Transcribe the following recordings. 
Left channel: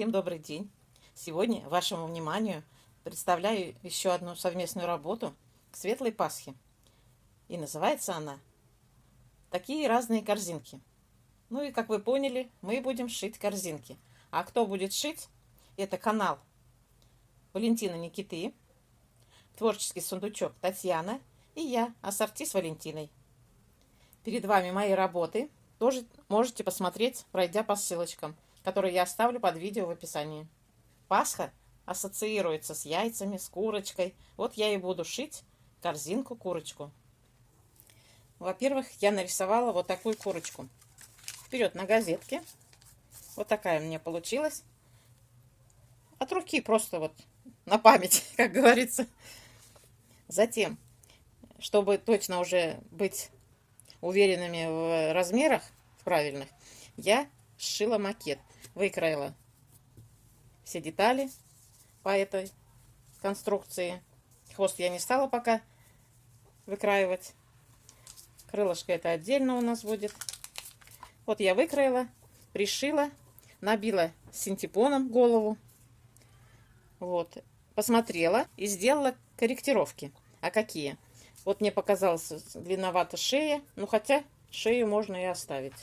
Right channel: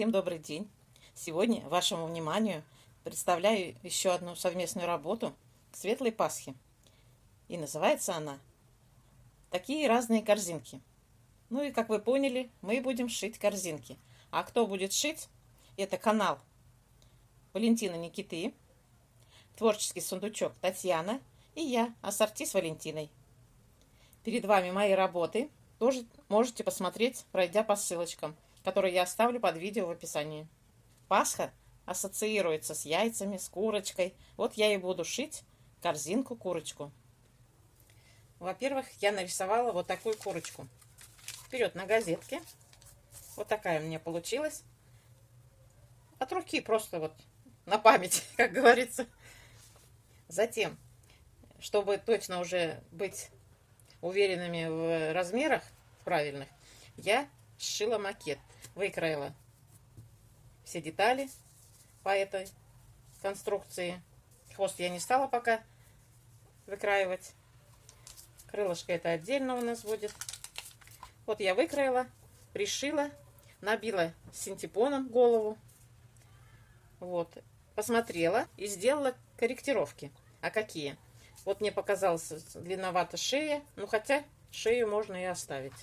Всем добрый день! Сегодня вашему вниманию представляю еще одну совместную работу к Светлой Пасхе. И называется она «Такие разные корзинки». Ну и, как вы поняли, мы будем шить корзинки. А кто будет шить? Это канал Валентина Никиты, творческий сундучок Татьяна и я, ассорти с Валентиной. Перед вами мои работы. Тоже можете посмотреть, пройдя по ссылочкам, которые я оставлю под видео в описании. Пасха ассоциируется с яйцами, с курочкой. Вот я и буду шить корзинку-курочку. Во-первых, я нарисовала вот такую курочку. Вперед на газетке. Вот такая у меня получилась. От руки просто вот на память, как говорится. Затем, чтобы точно уже быть уверенными в размерах, в правильных, я сшила макет. Выкроила все детали по этой конструкции. Хвост я не стала пока выкраивать. Крылышко это отдельно у нас будет. Вот я выкроила, пришила, набила синтепоном голову. Вот. Посмотрела и сделала корректировки. А какие? Вот мне показалось длинновато шея. Ну, хотя шею можно и оставить.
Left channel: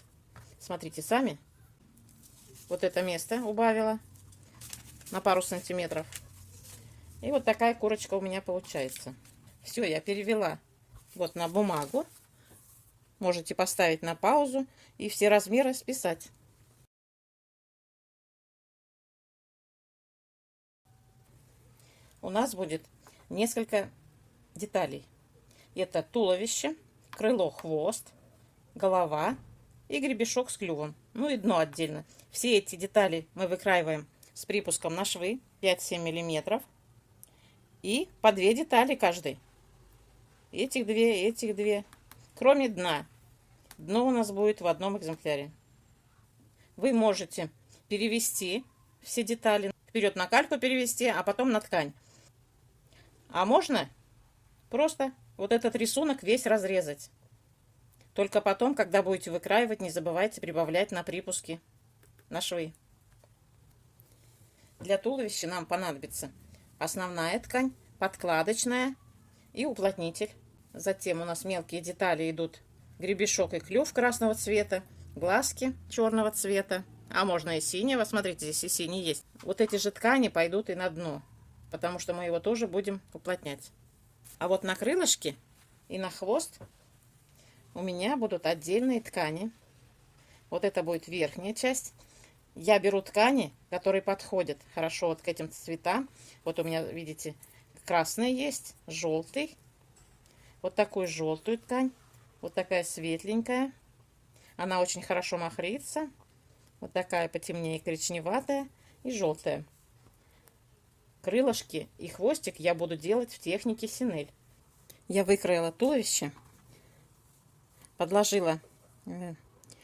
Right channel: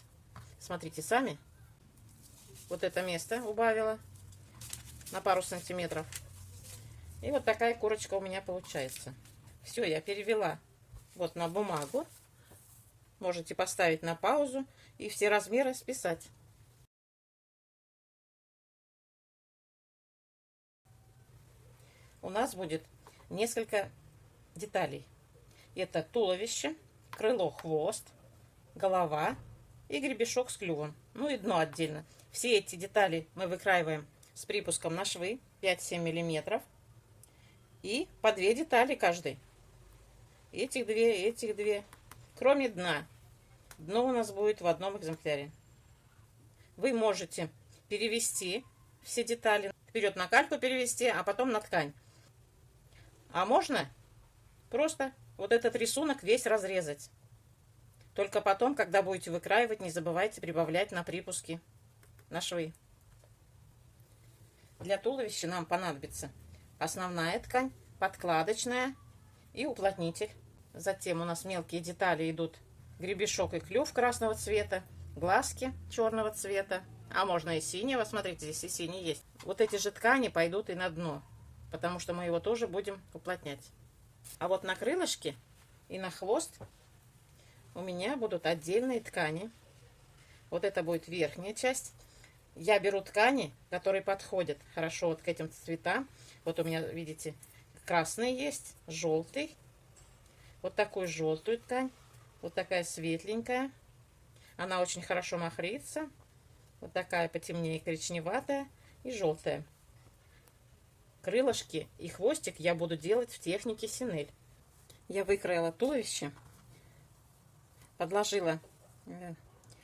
Смотрите сами. Вот это место убавила на пару сантиметров. И вот такая курочка у меня получается. Все, я перевела вот на бумагу. Можете поставить на паузу и все размеры списать. У нас будет несколько деталей. Это туловище, крыло, хвост, голова и гребешок с клювом. Ну и дно отдельно. Все эти детали мы выкраиваем с припуском на швы 5-7 миллиметров. И по 2 детали каждый. Этих две. Кроме дна. Дно у нас будет в одном экземпляре. Вы можете перевести все детали. Вперед на кальку перевести, а потом на ткань. А можно просто вот этот рисунок весь разрезать. Только потом, когда будете выкраивать, не забывайте прибавлять на припуски, на швы. Для туловища нам понадобится основная ткань, подкладочная и уплотнитель. Затем у нас мелкие детали идут гребешок и клюв красного цвета, глазки черного цвета, а можно и синего. Смотрите, здесь и синий есть. Вот эти же ткани пойдут и на дно, потому что мы его тоже будем уплотнять. А вот на крылышки и на хвост у меня будут отдельные ткани. Вот это будет верхняя часть. Я беру ткани, которые подходят хорошо вот к этим цветам. Вот у меня, видите, красный есть, желтый. Вот такую желтую ткань. Вот такая светленькая. Она очень хорошо махрится. Вот такая потемнее, коричневатая и желтая. Крылышки и хвостик я буду делать в технике синель. Я выкроила туловище, подложила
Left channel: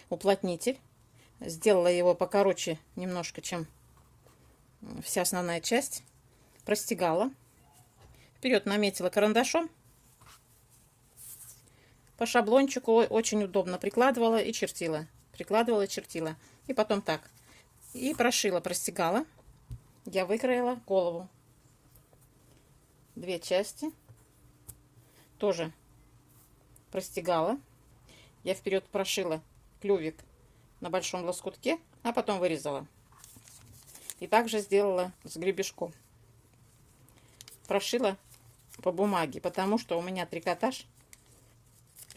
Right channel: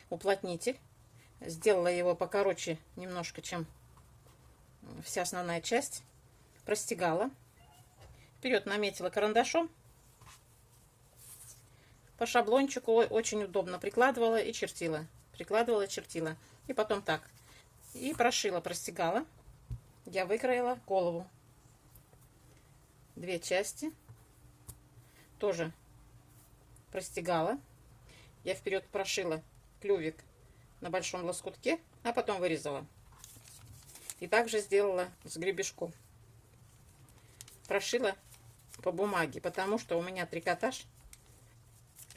уплотнитель, сделала его покороче немножко, чем вся основная часть, простегала, вперед наметила карандашом, по шаблончику очень удобно прикладывала и чертила, и потом так, и прошила, простегала. Я выкроила голову, 2 части, тоже простегала. Я вперед прошила клювик на большом лоскутке, а потом вырезала. И также сделала с гребешком. Прошила по бумаге, потому что у меня трикотаж.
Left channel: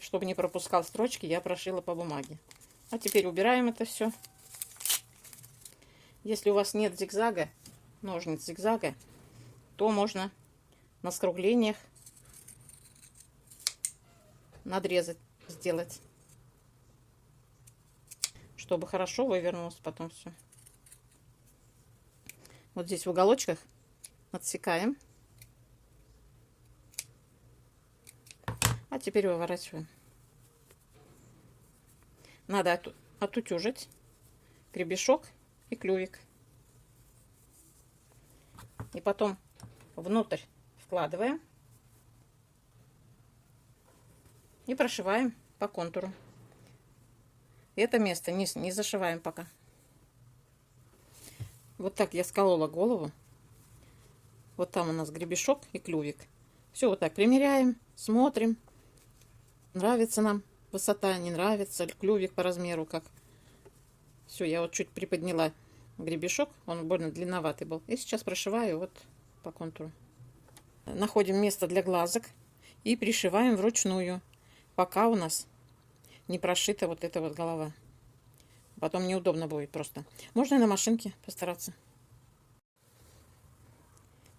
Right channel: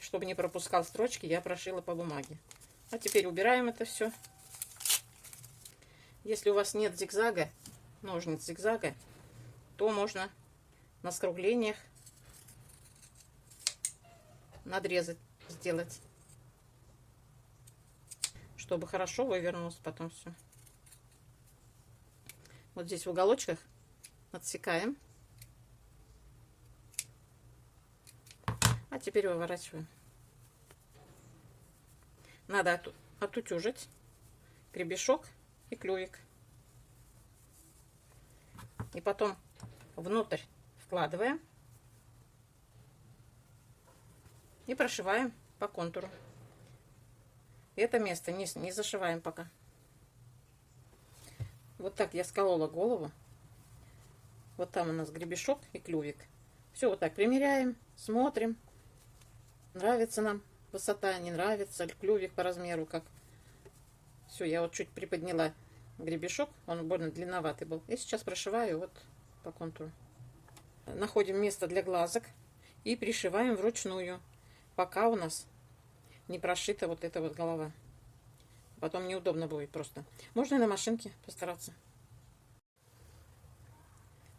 Чтобы не пропускал строчки, я прошила по бумаге. А теперь убираем это все. Если у вас нет зигзага, ножниц зигзага, то можно на скруглениях надрезать, сделать, чтобы хорошо вывернулось потом все. Вот здесь в уголочках отсекаем. А теперь выворачиваем. Надо отутюжить гребешок и клювик. И потом внутрь вкладываем и прошиваем по контуру. Это место не зашиваем пока. Вот так я сколола голову. Вот там у нас гребешок и клювик. Все вот так примеряем, смотрим. Нравится нам высота, не нравится, клювик по размеру как. Все, я вот чуть приподняла гребешок, он больно длинноватый был. И сейчас прошиваю вот по контуру. Находим место для глазок и пришиваем вручную, пока у нас не прошита вот эта вот голова. Потом неудобно будет просто. Можно и на машинке постараться.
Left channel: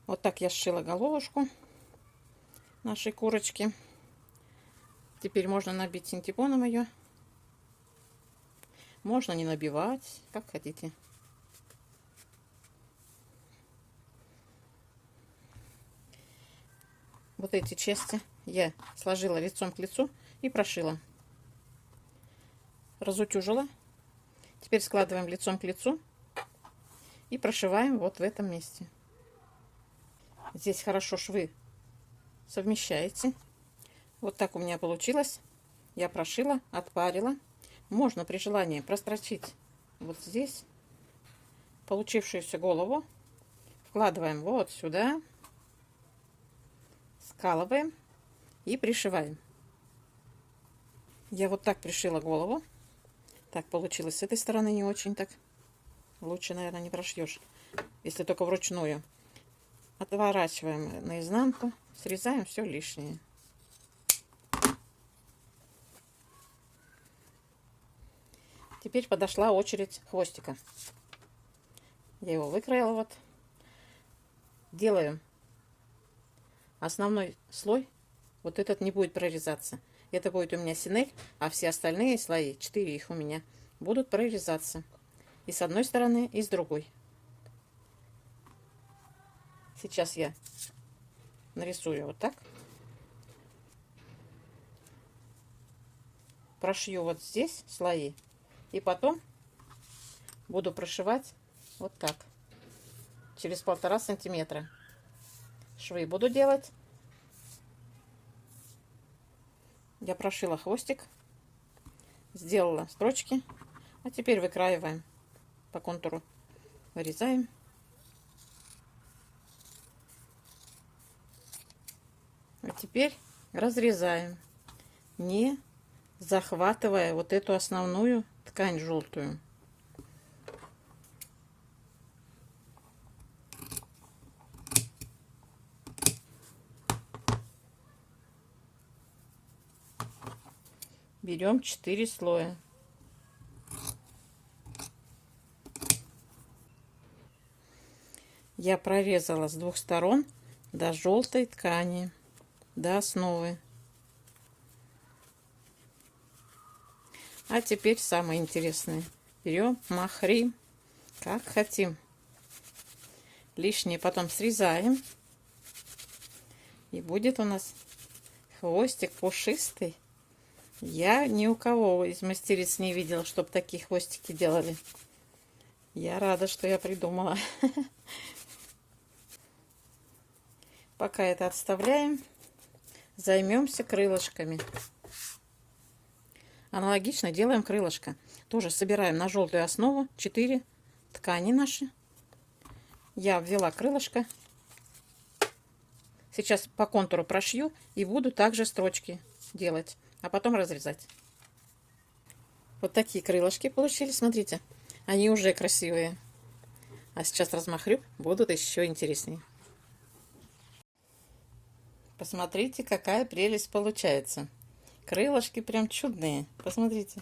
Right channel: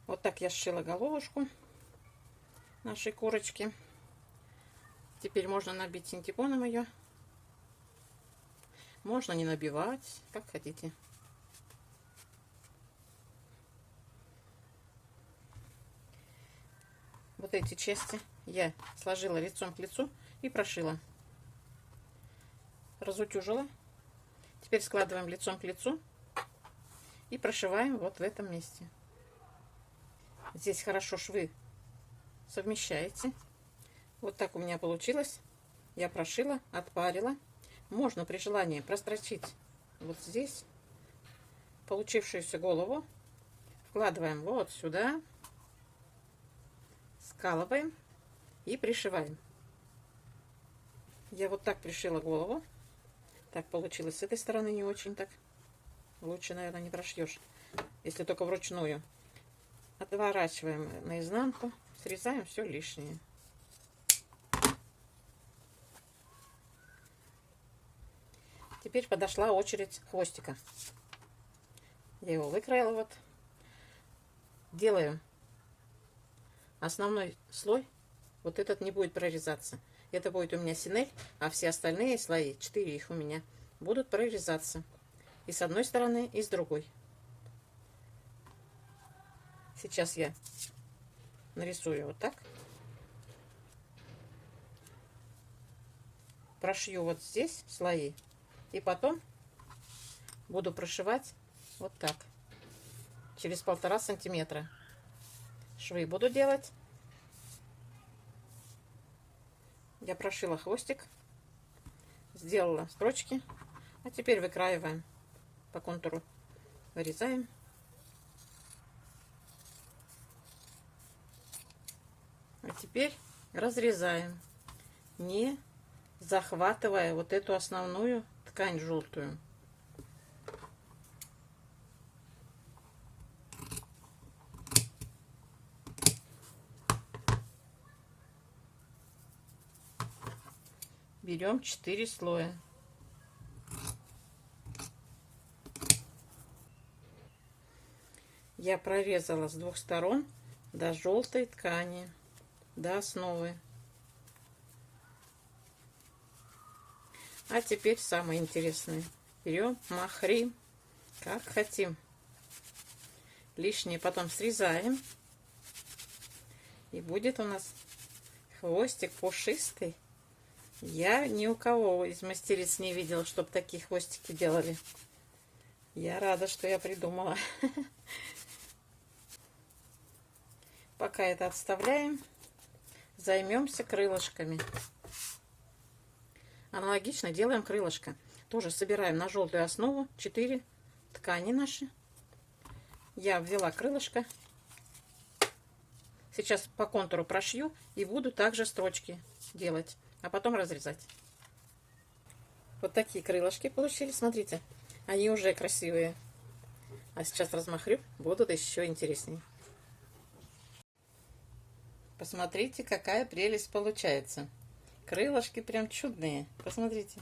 Вот так я сшила головушку нашей курочки. Теперь можно набить синтепоном ее. Можно не набивать, как хотите. Вот эти части я сложила лицом к лицу и прошила. Разутюжила. Теперь складываем лицом к лицу и прошиваем вот в этом месте. Здесь хорошо швы совмещаете. Вот так у меня получилось. Я прошила, отпарила. Можно при желании прострочить вот здесь получившуюся голову. Вкладываем вот сюда. Скалываем и пришиваем. Я вот так пришила голову. Так получилось с этой стороны не очень так. Лучше, наверное, не прошьешь, если только вручную. Отворачиваем наизнанку, срезаем все лишнее. Теперь подошла очередь хвостика. Я его выкроила вот. Делаю основной слой. Вот этот не будет прорезаться. Это будет у меня синель, а все остальные слои, 4 их у меня, будут прорезаться. И с одной стороны, и с другой. Сейчас я нарисую вот так. Прошью вот здесь слои. И потом буду прошивать вот так. Через 1,5 сантиметра. Швы буду делать. Я прошила хвостик, сделала строчки, а теперь выкраиваем по контуру, вырезаем. А теперь разрезаем, не захватывая вот эту основную ткань желтую. Берем 4 слоя. Я прорезала с 2 сторон до желтой ткани, до основы. А теперь самое интересное. Берем махрим, как хотим. Лишнее потом срезаем. И будет у нас хвостик пушистый. Я ни у кого из мастериц не видела, чтобы такие хвостики делали. Я рада, что я придумала. Пока это отставляем, займемся крылышками. Аналогично делаем крылышко. Тоже собираем на желтую основу 4 ткани наши. Я ввела крылышко. Сейчас по контуру прошью и буду также строчки делать, а потом разрезать. Вот такие крылышки получились, смотрите. Они уже красивые. А сейчас размахрю, будут еще интереснее. Посмотрите, какая прелесть получается. Крылышки прям чудные. Посмотрите.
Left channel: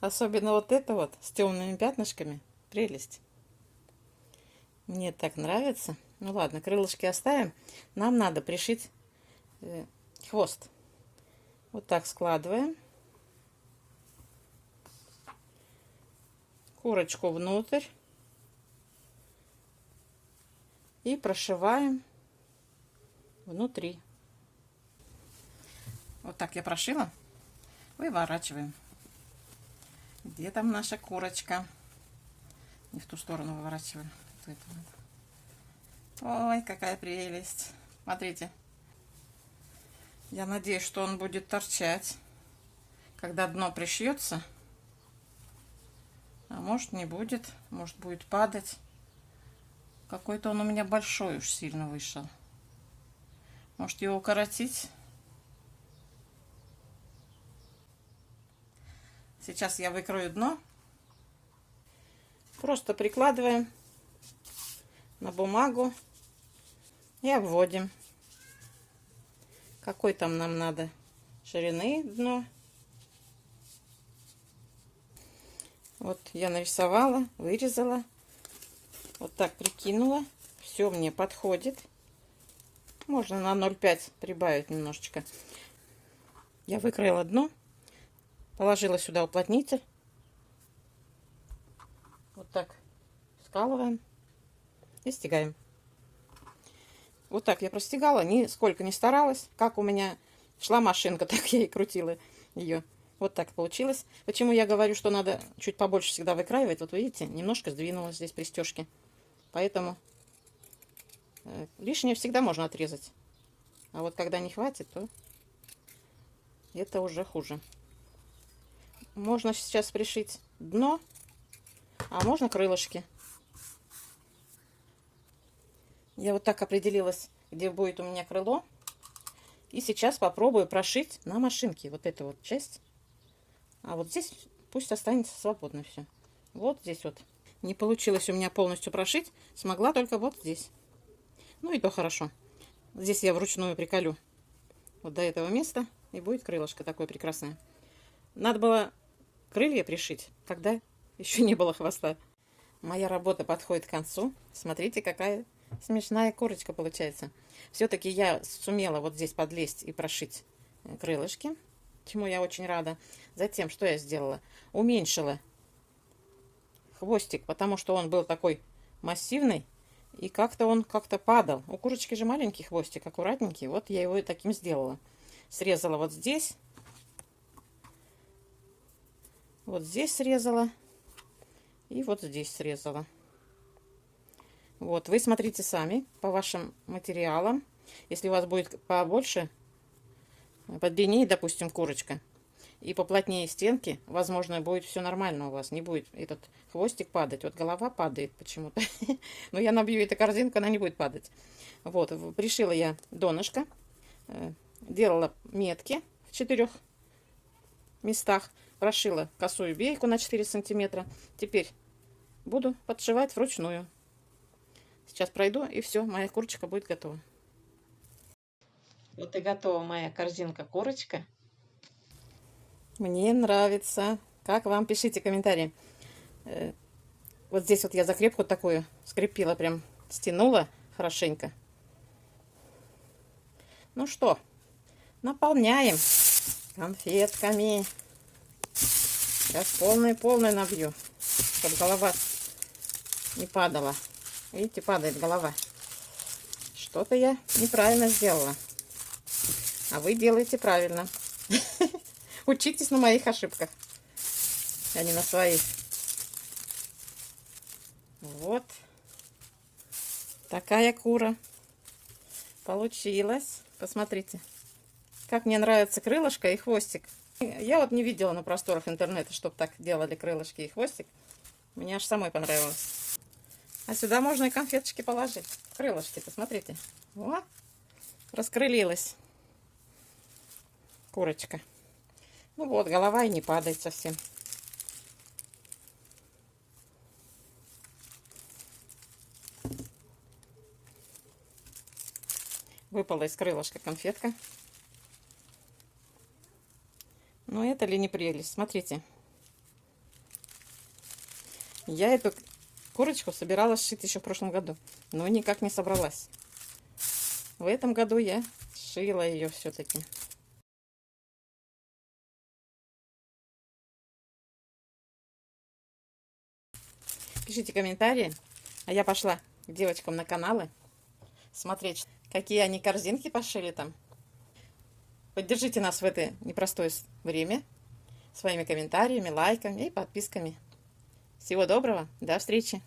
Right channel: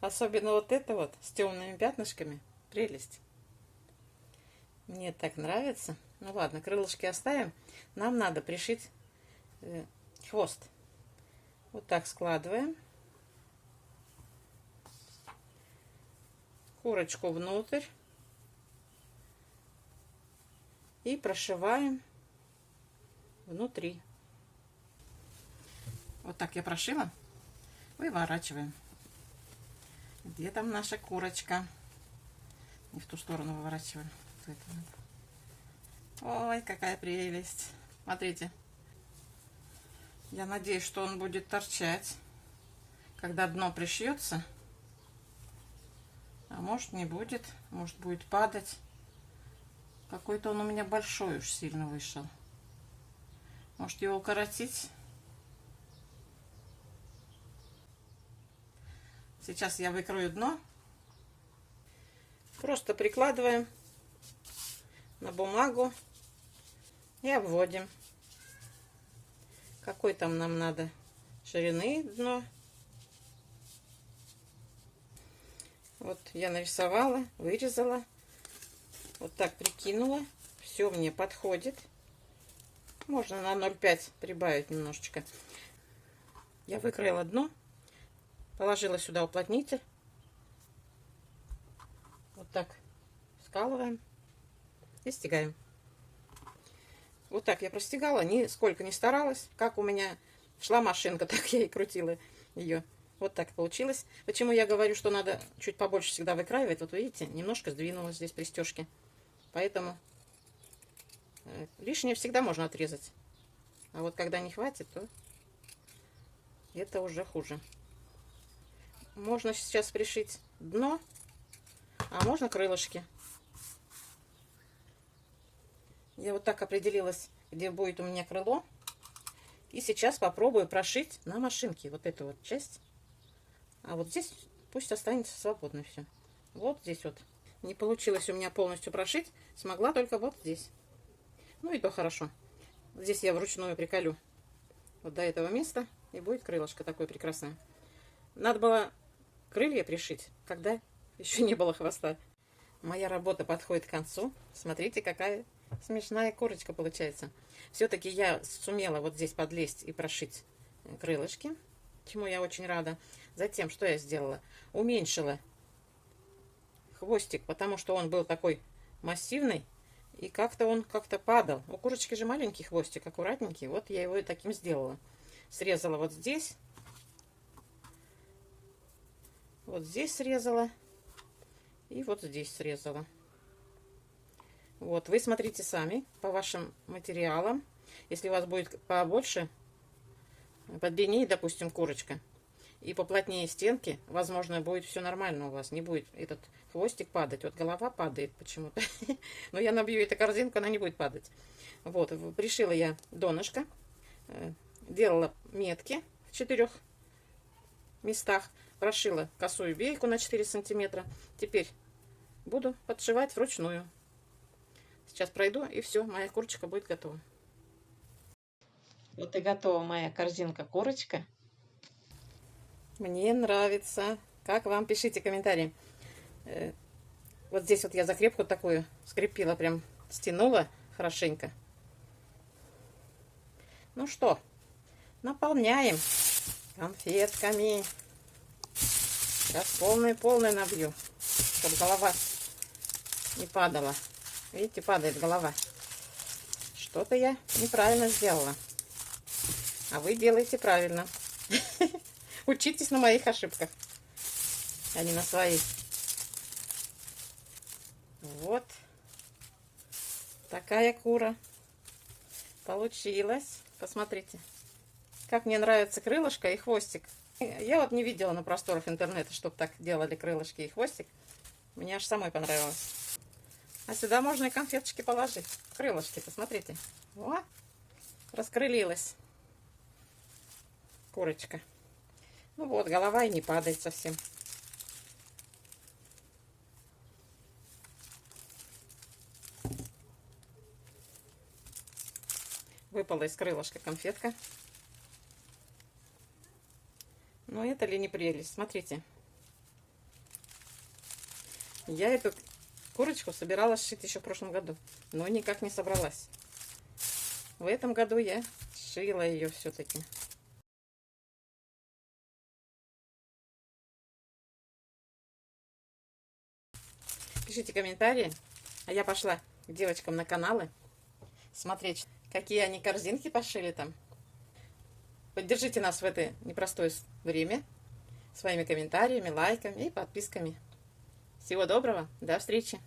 Особенно вот это вот с темными пятнышками. Прелесть. Мне так нравится. Ну ладно, крылышки оставим. Нам надо пришить хвост. Вот так складываем. Курочку внутрь. И прошиваем внутри. Вот так я прошила. Выворачиваем. Где там наша курочка? Не в ту сторону выворачиваем. Ой, какая прелесть. Смотрите. Я надеюсь, что он будет торчать, когда дно пришьется. А может, не будет. Может, будет падать. Какой-то он у меня большой уж сильно вышел. Может его укоротить? Сейчас я выкрою дно. Просто прикладываем на бумагу и обводим. Какой там нам надо ширины дно. Вот я нарисовала, вырезала. Вот так прикинула. Все мне подходит. Можно на 0,5 прибавить немножечко. Я выкроила дно. Положила сюда уплотнитель. Вот так скалываем и стягаем. Вот так я простегала, нисколько не старалась. Как у меня шла машинка, так я и крутила ее. Вот так получилось. Почему я говорю, что надо чуть побольше всегда выкраивать? Вот видите, немножко сдвинулась здесь пристежки. Поэтому лишнее всегда можно отрезать. А вот когда не хватит, то это уже хуже. Можно сейчас пришить дно, а можно крылышки. Я вот так определилась, где будет у меня крыло. И сейчас попробую прошить на машинке вот эту вот часть. А вот здесь пусть останется свободно все. Вот здесь вот. Не получилось у меня полностью прошить. Смогла только вот здесь. Ну и то хорошо. Здесь я вручную приколю вот до этого места. И будет крылышко такое прекрасное. Надо было крылья пришить, когда еще не было хвоста. Моя работа подходит к концу. Смотрите, какая смешная курочка получается. Все-таки я сумела вот здесь подлезть и прошить крылышки, чему я очень рада. Затем, что я сделала? Уменьшила хвостик, потому что он был такой массивный, и как-то он падал. У курочки же маленький хвостик, аккуратненький. Вот я его и таким сделала. Срезала вот здесь срезала, и вот здесь срезала. Вот, вы смотрите сами по вашим материалам. Если у вас будет побольше, подлиннее, допустим, курочка, и поплотнее стенки, возможно, будет все нормально у вас. Не будет этот хвостик падать. Вот голова падает почему-то. Но я набью эту корзинку, она не будет падать. Вот, пришила я донышко. Делала метки в 4 местах. Прошила косую бейку на 4 сантиметра. Теперь буду подшивать вручную. Сейчас пройду, и все, моя курочка будет готова. Вот и готова моя корзинка-курочка. Мне нравится. Как вам? Пишите комментарии. Вот здесь вот я закрепку такую скрепила, прям стянула хорошенько. Ну что, наполняем конфетками. Сейчас полную набью, чтобы голова не падала. Видите, падает голова. Что-то я неправильно сделала. А вы делаете правильно. Учитесь на моих ошибках, а не на своих. Вот. Такая кура получилась. Посмотрите, как мне нравится крылышко и хвостик. Я вот не видела на просторах интернета, чтобы так делали крылышки и хвостик. Мне аж самой понравилось. А сюда можно и конфеточки положить. Крылышки, посмотрите. О, раскрылилась курочка. Ну вот, голова и не падает совсем. Выпала из крылышка конфетка. Ну, это ли не прелесть? Смотрите. Я эту курочку собиралась сшить еще в прошлом году, но никак не собралась. В этом году я сшила ее все-таки. Пишите комментарии, а я пошла к девочкам на каналы смотреть, какие они корзинки пошили там. Поддержите нас в это непростое время своими комментариями, лайками и подписками. Всего доброго, до встречи!